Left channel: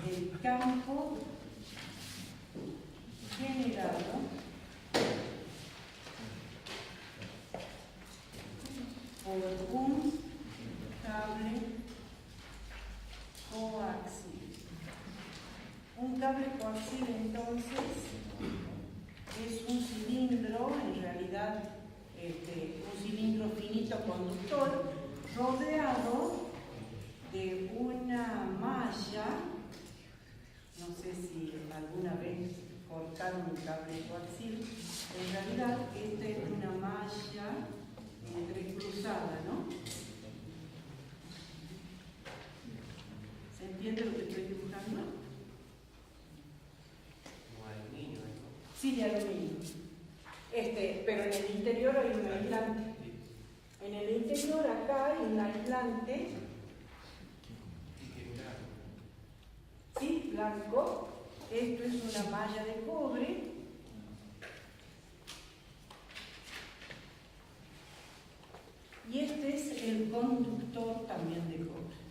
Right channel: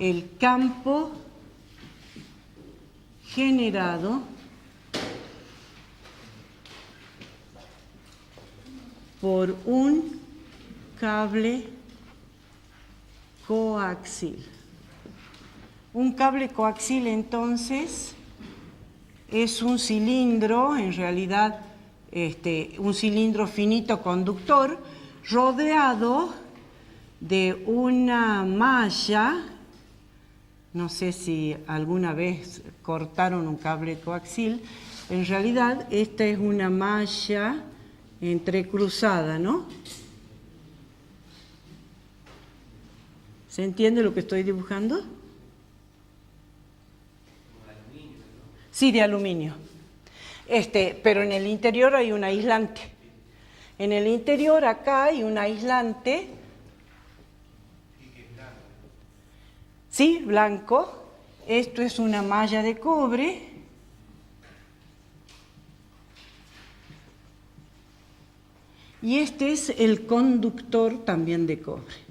el campo generado por un cable coaxil. Un cable coaxil, entonces, es un cilindro, en realidad, un cilindro finito conductor, rodeado de una malla. No sé si alguna vez cortaron un cable coaxil. En realidad, esta es una malla entrecruzada, ¿no? ¿Se entiende lo que estoy dibujando? Sí, de aluminio. Pero en el interior hay un aislante. En el interior acá hay un aislante. Sí, blanco. Esto es una malla de cobre. Y este es el conductor también de cobre.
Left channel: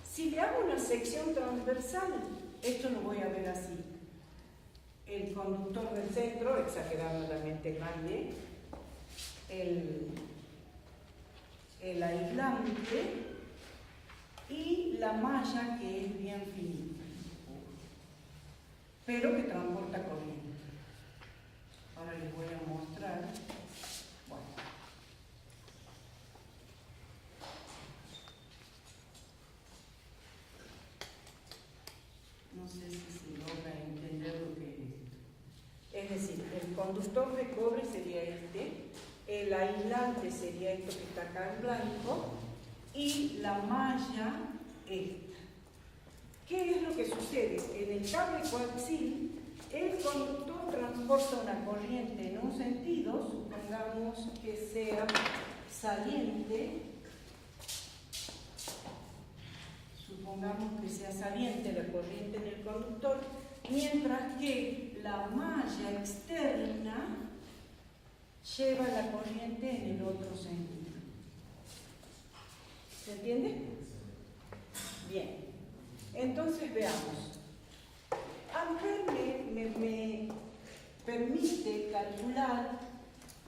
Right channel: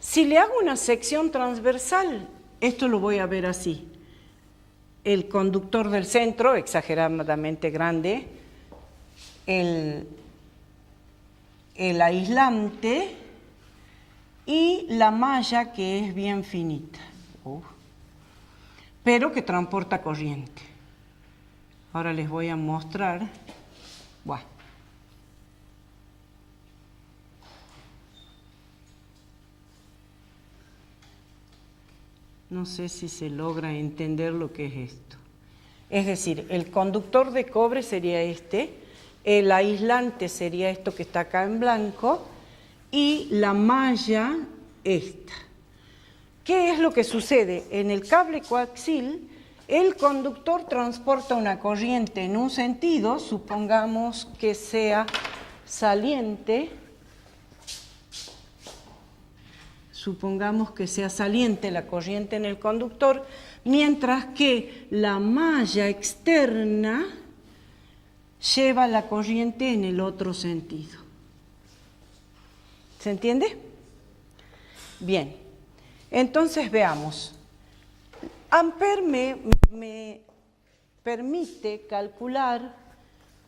Si le hago una sección transversal, esto lo voy a ver así. El conductor del centro, exageradamente grande, el aislante y la malla que es bien finita, pero que transporta corriente. Ahora les voy a mostrar. Bueno. No sé si se logra entender lo que es esto. Es decir, el conductor de cobre sería este, el aislante sería esto que está acá en blanco y la malla esta. ¿Qué es lo que sucede? En el cable coaxil, el conductor transporta una corriente en un sentido, supongamos que sea saliente. Supongamos que sea saliente la corriente en el conductor, mientras que la malla externa lleva la corriente en el otro sentido. ¿Se entiende? Bien, entonces veamos. Ampère me permite calcular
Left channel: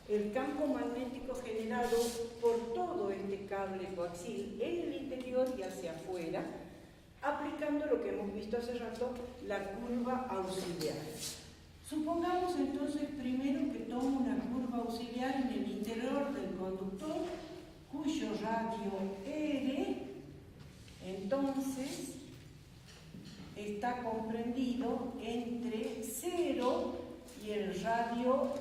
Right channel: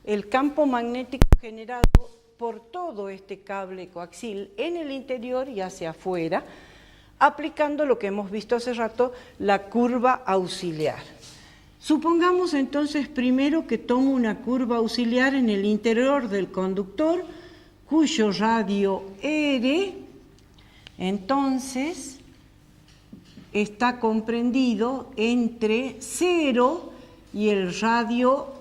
el campo magnético generado por todo este cable coaxil en el interior y hacia afuera, aplicando lo que hemos visto hace rato, la curva auxiliar. Supongamos entonces primero que tomo una curva auxiliar en el interior del conductor, cuyo radio R, entonces, está comprendido entre 0 y el radio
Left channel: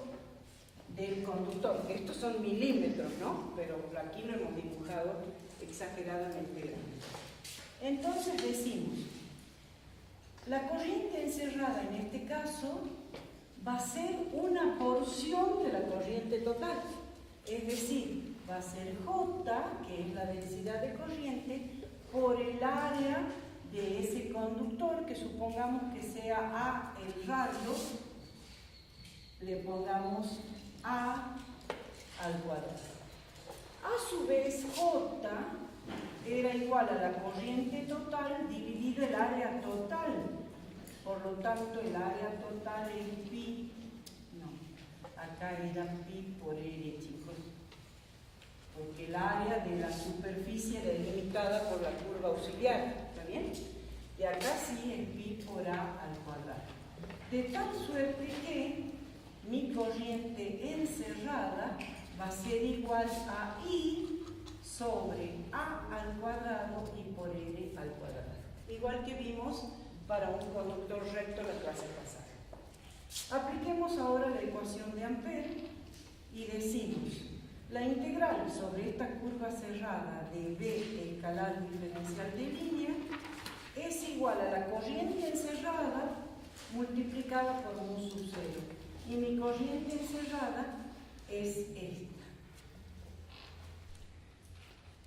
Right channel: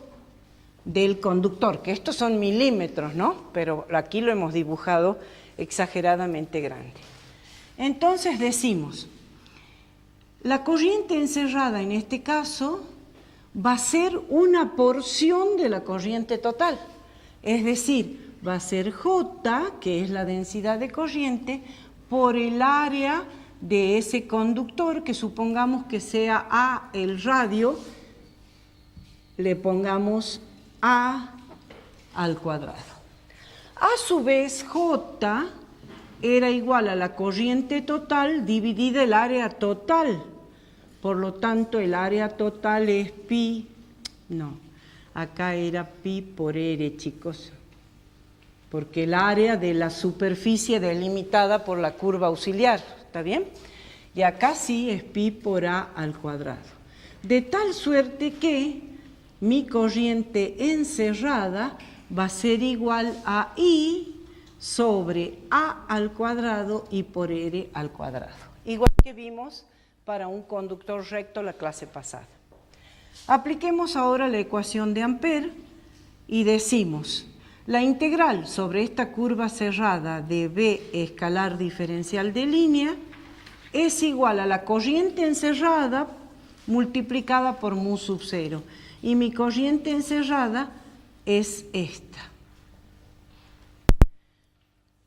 del conductor, que estos son milímetros, ¿no? Pero aquí lo hemos dibujado exageradamente grande. Entonces decimos, la corriente encerrada en este caso va a ser una porción de la corriente total, es decir, va a ser J, que es la densidad de corriente, por el área de ese conductor, que supongamos que sea A el radio, le pongamos A al cuadrado. A su vez, J era igual a la corriente total dividida el área total. Por lo tanto, el área total es pi, no, acá era pi por R, chicos, porque el área de la superficie delimitada por la curva auxiliar, ¿está bien? Y acá sí es pi por A al cuadrado. De tal suerte que mi corriente encerrada va a ser igual a I sobre A al cuadrado y por R al cuadrado. Igual que vimos para un conductor recto la clase pasada. Apliquemos ahora la ecuación de Ampère y decimos, la integral sobre esta curva cerrada de B escalar diferencial de línea es igual a la corriente encerrada multiplicada por mu sub 0. Y mi corriente encerrada es esta.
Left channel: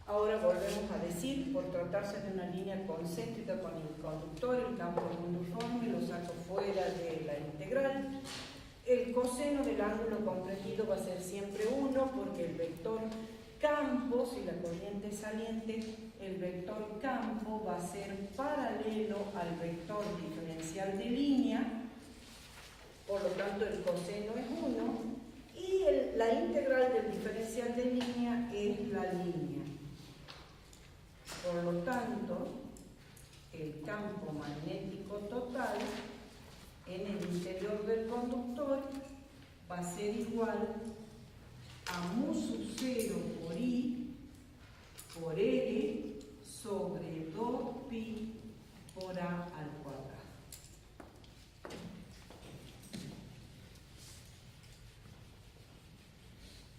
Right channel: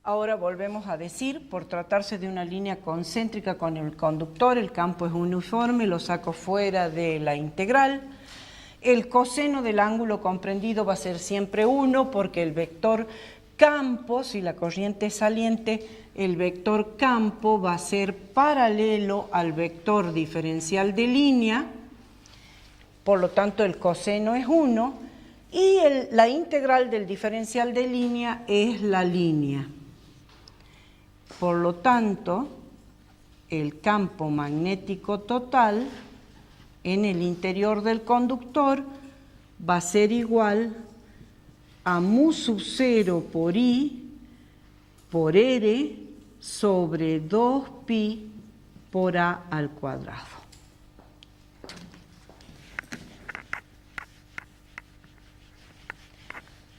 Ahora volvemos a decir, por tratarse de una línea concéntrica con el conductor, el campo es uniforme, lo saco fuera de la integral. El coseno del ángulo comprendido va a ser siempre 1 porque el vector campo, si la corriente es saliente, el vector campo va a ser paralelo al vector diferencial de línea, por lo tanto el coseno es 1, y la integral del diferencial de línea es la línea. Por lo tanto, el campo magnético total en el interior del conductor va a ser igual a mu sub 0 por I por R sobre 2pi por A al cuadrado.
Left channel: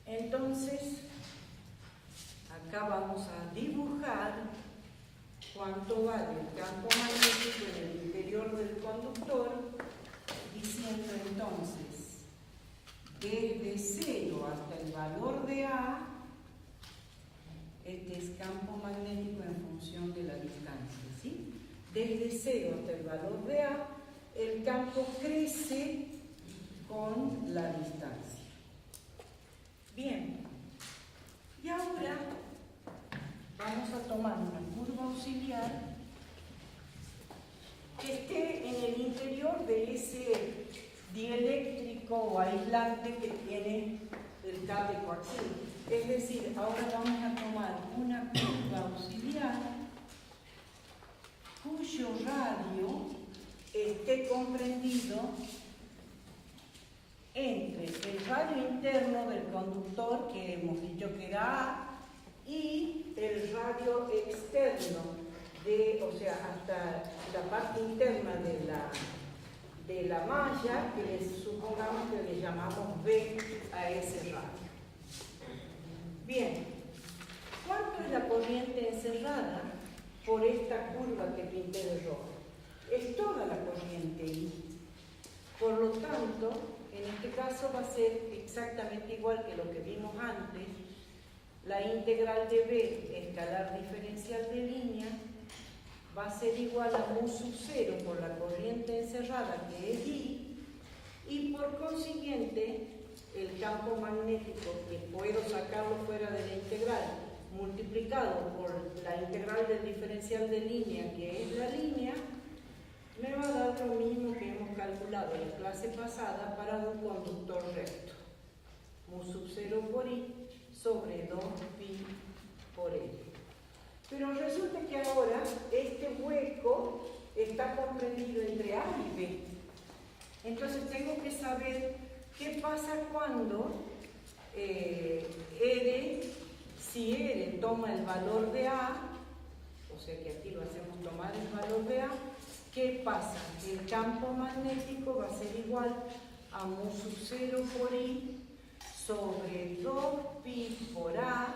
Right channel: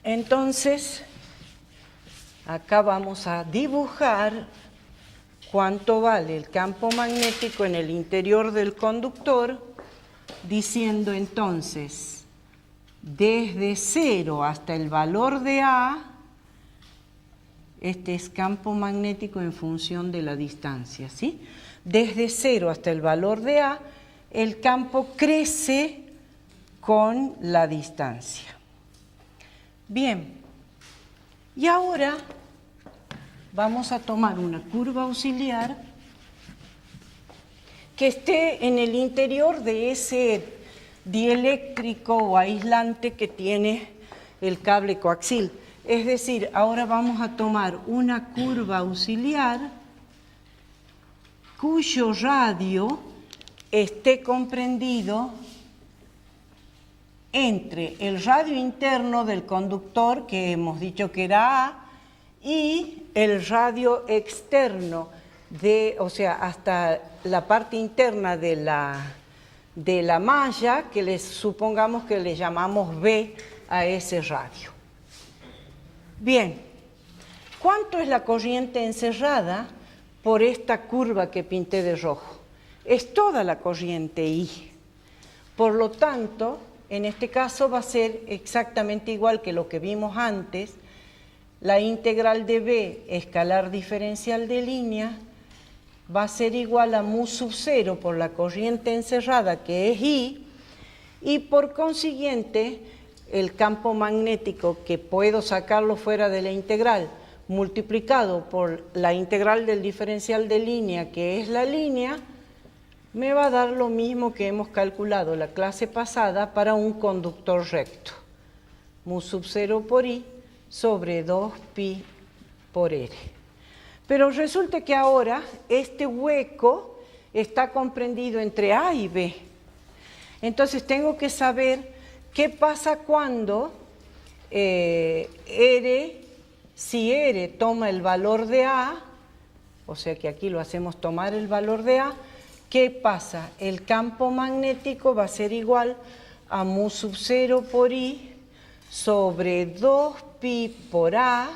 Entonces, acá vamos a dibujar cuánto vale el campo magnético en el interior del conductor, diciendo entonces, desde 0 hasta el valor de A, este es campo magnético en función de la distancia, ¿sí? Desde 0 hasta el valor de A, el campo crece con la distancia. Bien, y ahora vamos a tomar una curva auxiliar que esté en el interior de ese dieléctrico o aislante que tiene el cable coaxil. Es decir, ahora vamos a tomar una curva auxiliar cuyo radio esté comprendido entre el radio interno del conductor, que hemos dicho que era A, y el radio externo, o sea, hasta la parte interna de la malla, que supongamos que le llamamos B a ese radio. Bien, ¿cuánto es la corriente encerrada por esta curva que pinté de rojo? Es toda la corriente I. Por lo tanto, en este caso va a ser exactamente igual que lo que vimos antes. La integral de B, escalar diferencial de línea, va a ser igual a mu sub 0 por la corriente encerrada, que es I, y por consiguiente, el campo magnético, que puedo sacarlo fuera de la integral, multiplicado por la integral del diferencial de línea, que es la línea, me va a dar lo mismo que hemos calculado la clase pasada para un conductor recto. Mu sub 0 por I sobre 2pi por R. Pero resulta que ahora este hueco está comprendido entre A y B. Entonces tengo que saber qué pasa cuando si R toma el valor de A, o sea que aquí lo hacemos tomar el valor de A, ¿qué pasa? El campo magnético va a ser igual a mu sub 0 por I sobre 2pi por A,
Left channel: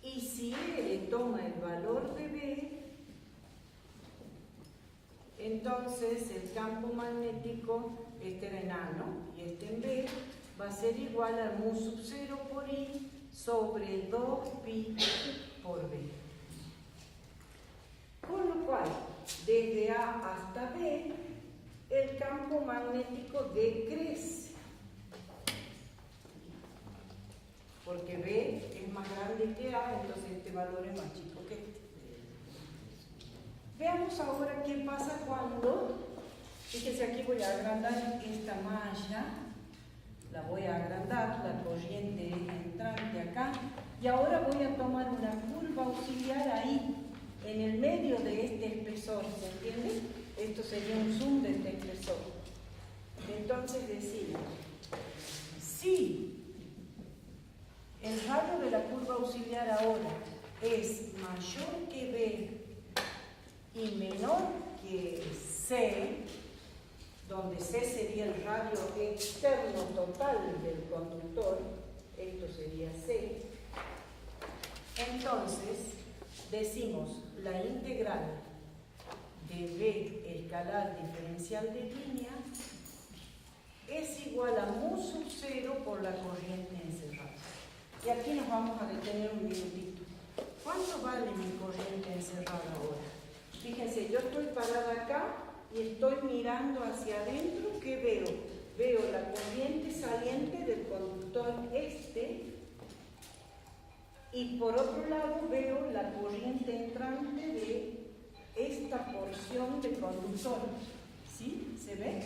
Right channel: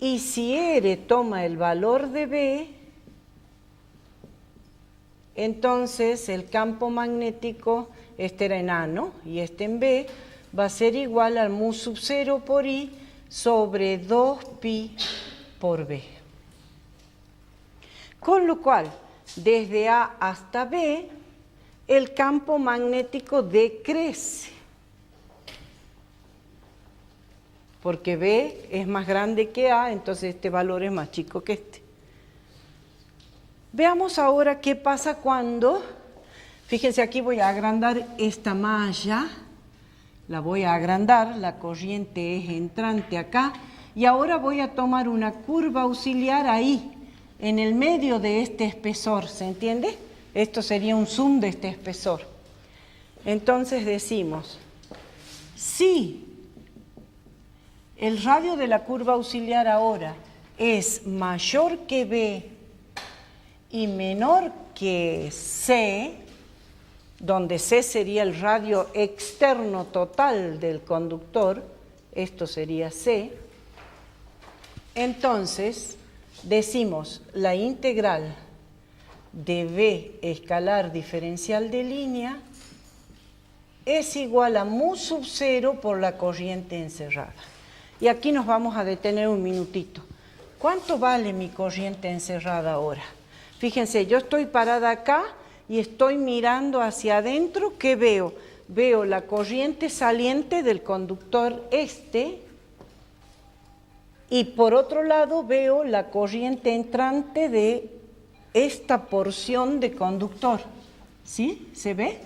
y si R toma el valor de B, entonces el campo magnético, este era en A, ¿no? Y este en B, va a ser igual al mu sub 0 por I sobre 2pi por B. Con lo cual, desde A hasta B, el campo magnético decrece, porque B es más grande que A, entonces este valor es más chico que este. Veamos ahora qué pasa cuando, fíjense, aquí voy a agrandar esta malla, la voy a agrandar, la corriente es entrante acá, y ahora voy a tomar una curva auxiliar ahí, en el medio de este espesor, ¿se entiende? Esto sería un zoom de este espesor. Entonces decimos, si el radio de la curva auxiliar ahora es mayor que B y menor que C, donde C sería el radio externo total del conductor, esto sería C, entonces decimos la integral de B escalar diferencial de línea es igual a mu sub 0 por la corriente encerrada. Y aquí nos vamos a detener un minutito. ¿Cuánto vale mi corriente encerrada ahora? Fíjense, yo estoy parada acá y estoy mirando hacia adentro. ¿Qué veo? Veo la corriente saliente del conductor este Y por otro lado veo la corriente entrante de esta porción de conductor. ¿Sí? ¿Se ve?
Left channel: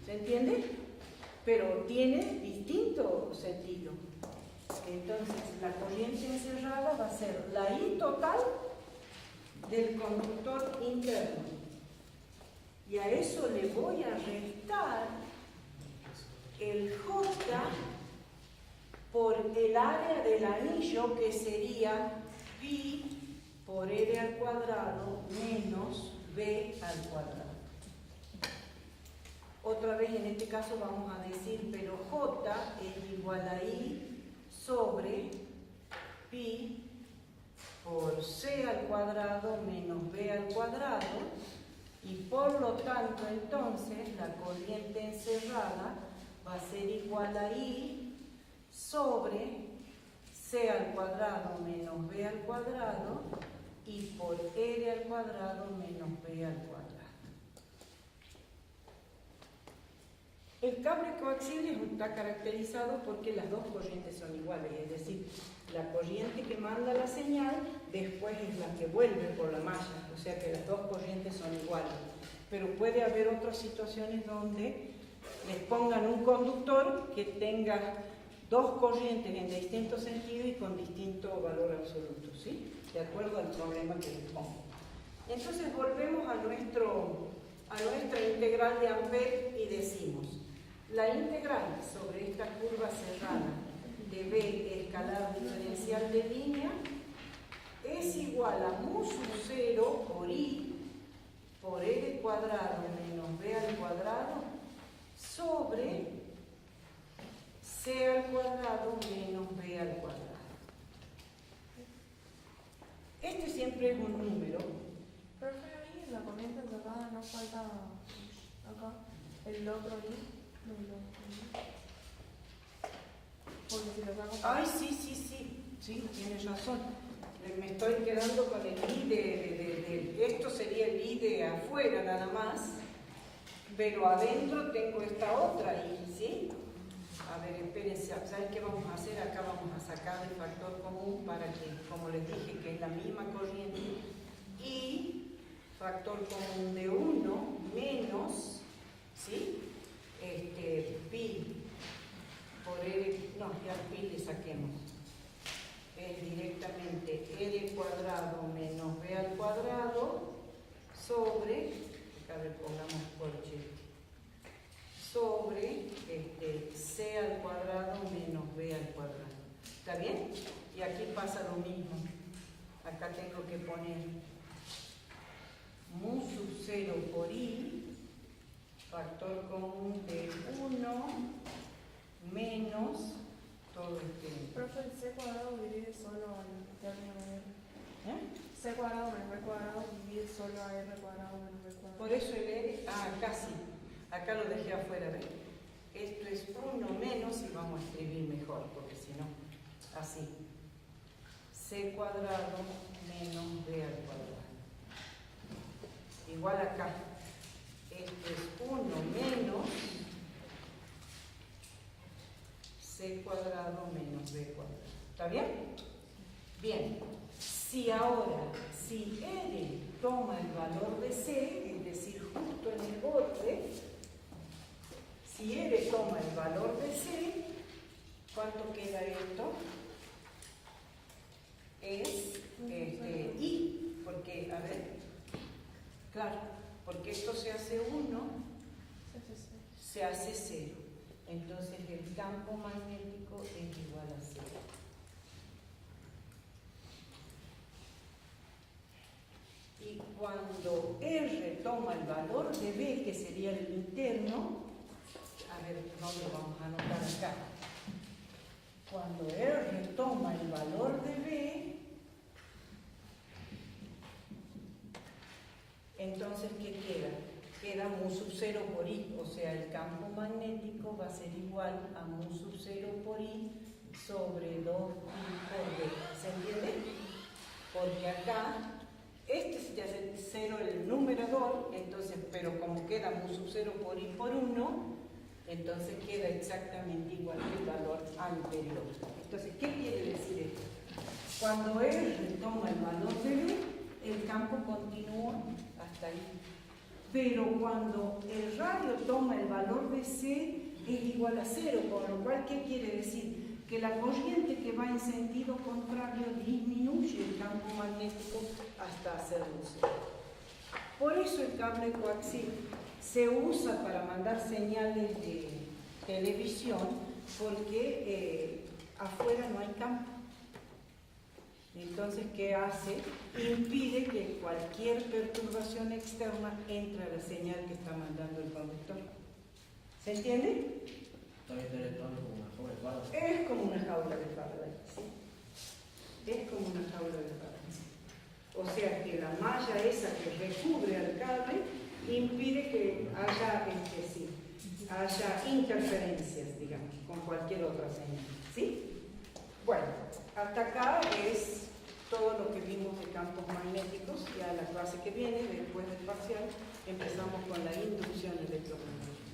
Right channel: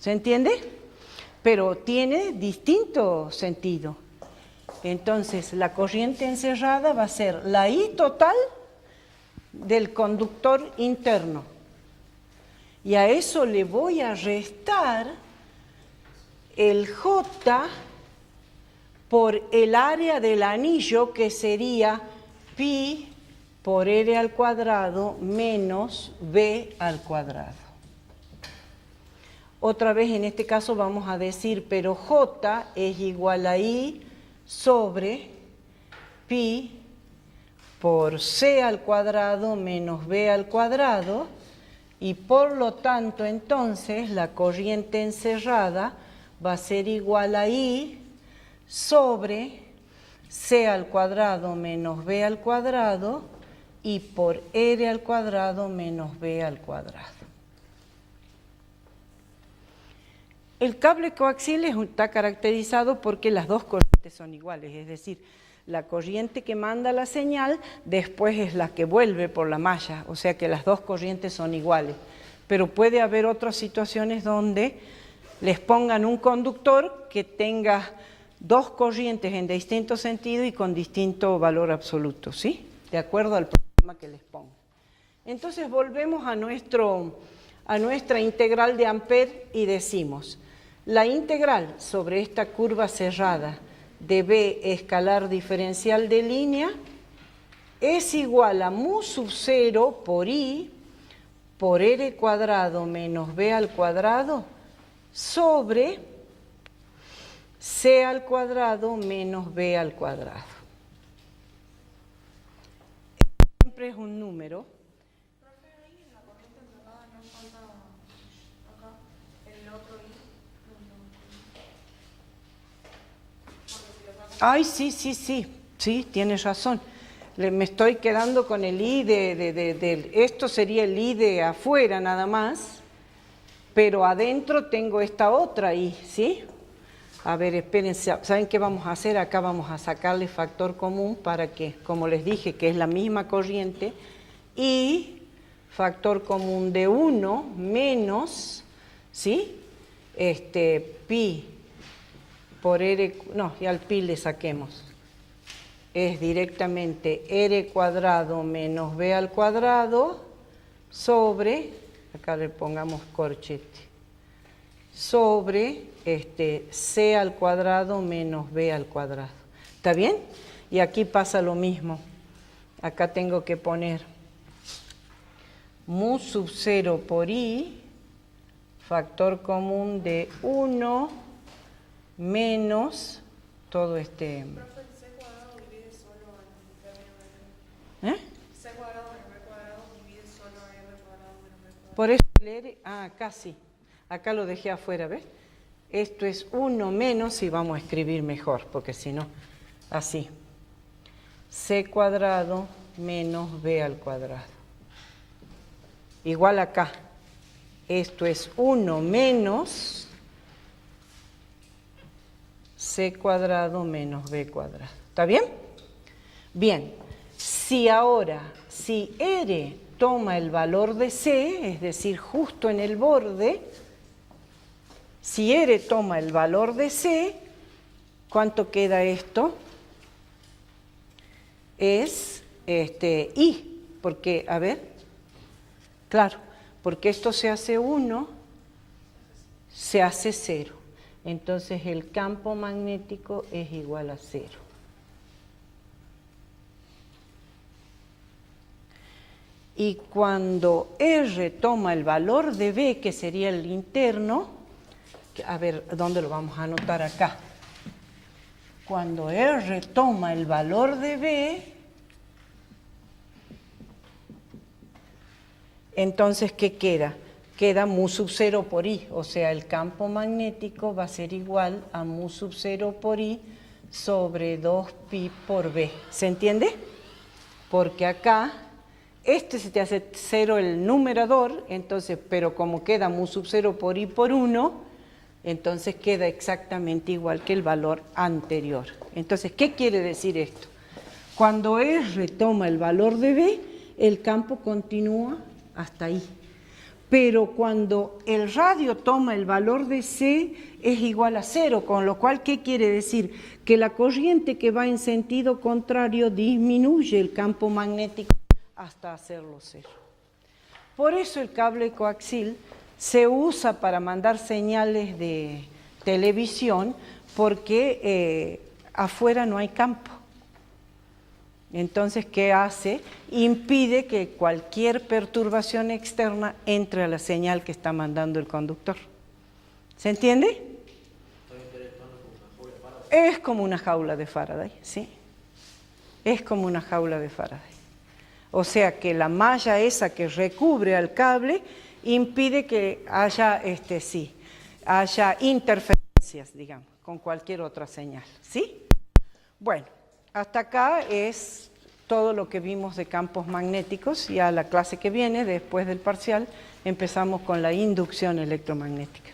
¿Se entiende? Pero tiene distinto sentido. Entonces, la corriente encerrada va a ser la I total del conductor interno. Y a eso le voy a restar el J por el área del anillo, que sería pi por R al cuadrado menos B al cuadrado. Otra vez en este caso vamos a decir, pero J es igual a I sobre pi por C al cuadrado menos B al cuadrado, y por lo tanto entonces la corriente encerrada va a ser igual a I sobre C al cuadrado menos B al cuadrado y por R al cuadrado menos B al cuadrado. El cable coaxial está caracterizado porque las dos corrientes son iguales, es decir, la corriente que manda la señal después es la que vuelve por la malla, o sea que las dos corrientes son iguales. Pero puede haber otras situaciones donde les pongan un conductor que tenga dos corrientes en distinto sentido y con distinto valor absoluto, ¿sí? De acuerdo al problema que les pongo. Entonces volvemos a nuestra integral de Ampère y decimos, la integral sobre esta curva cerrada de B escalar diferencial de línea es igual a mu sub 0 por I por R cuadrado menos B al cuadrado sobre C al cuadrado menos B al cuadrado. Este siempre es un número. Profe, ahí en la corriente encerrada no falta acá el otro I. Ay, sí, tienes razón. Me estoy quedando con el I esto sería el I de afuera nada más, pero adentro tengo esta otra I, ¿sí? A ver, espérense, ¿saben qué vamos a hacer? Acá vamos a sacarle factor común para que, como les dije, que es la misma corriente, y factor común de 1 menos, ¿sí? Pi por R, no, y al pi le saquemos. Es directamente R cuadrado menos B al cuadrado sobre, acá le pongamos corchete, sobre C al cuadrado menos B al cuadrado. ¿Está bien? Y aquí pasa lo mismo. Acá tengo que poner mu sub 0 por I, factor común de 1 menos todo este... Profe, C cuadrado divide solo al término de R. C cuadrado menos B cuadrado divide solo a R cuadrado menos B cuadrado. Por eso el R, acá sí, acá lo dejé afuera, ¿ves? Esto es 1 menos, y vamos a escribir mejor, porque si no, así. C cuadrado menos B al cuadrado. Igual acá, esto es 1 menos C cuadrado menos B cuadrado. ¿Está bien? Bien, si R toma el valor de C, es decir, justo en el borde, si R toma el valor de C, ¿cuánto queda esto? Es I, porque, a ver, claro, porque esto se hace 1, se hace 0. Entonces el campo magnético es igual a 0. Y cuando R toma el valor de B, que sería el interno, a ver, ¿dónde lo vamos a anotar acá? Cuando R toma el valor de B, entonces, ¿qué queda? Queda mu sub 0 por I, o sea, el campo magnético va a ser igual a mu sub 0 por I sobre 2pi por B. ¿Se entiende? Porque acá, se te hace 0 el numerador, entonces, pero como queda mu sub 0 por I por 1, Entonces queda exactamente igual que el valor anterior. Entonces, ¿qué quiere decir esto? Cuando R toma el valor de B, el campo continúa hasta ahí. Pero cuando el radio toma el valor de C, es igual a 0, con lo cual, ¿qué quiere decir? Que la corriente que va en sentido contrario disminuye el campo magnético hasta hacerlo 0. Por eso el cable coaxil se usa para mandar señales de televisión, porque afuera no hay campo. Entonces, ¿qué hace? Impide que cualquier perturbación externa entre a la señal que está mandando el conductor. ¿Se entiende? Es como una jaula de Faraday, ¿sí? Es como una jaula de Faraday. O sea que la malla esa que recubre al cable impide que haya, haya interferencias, digamos, con cualquier otra señal, ¿sí? Bueno, hasta acá es todo lo que vimos de campos magnéticos. Y a la clase que viene, después del parcial, empezamos con la inducción electromagnética.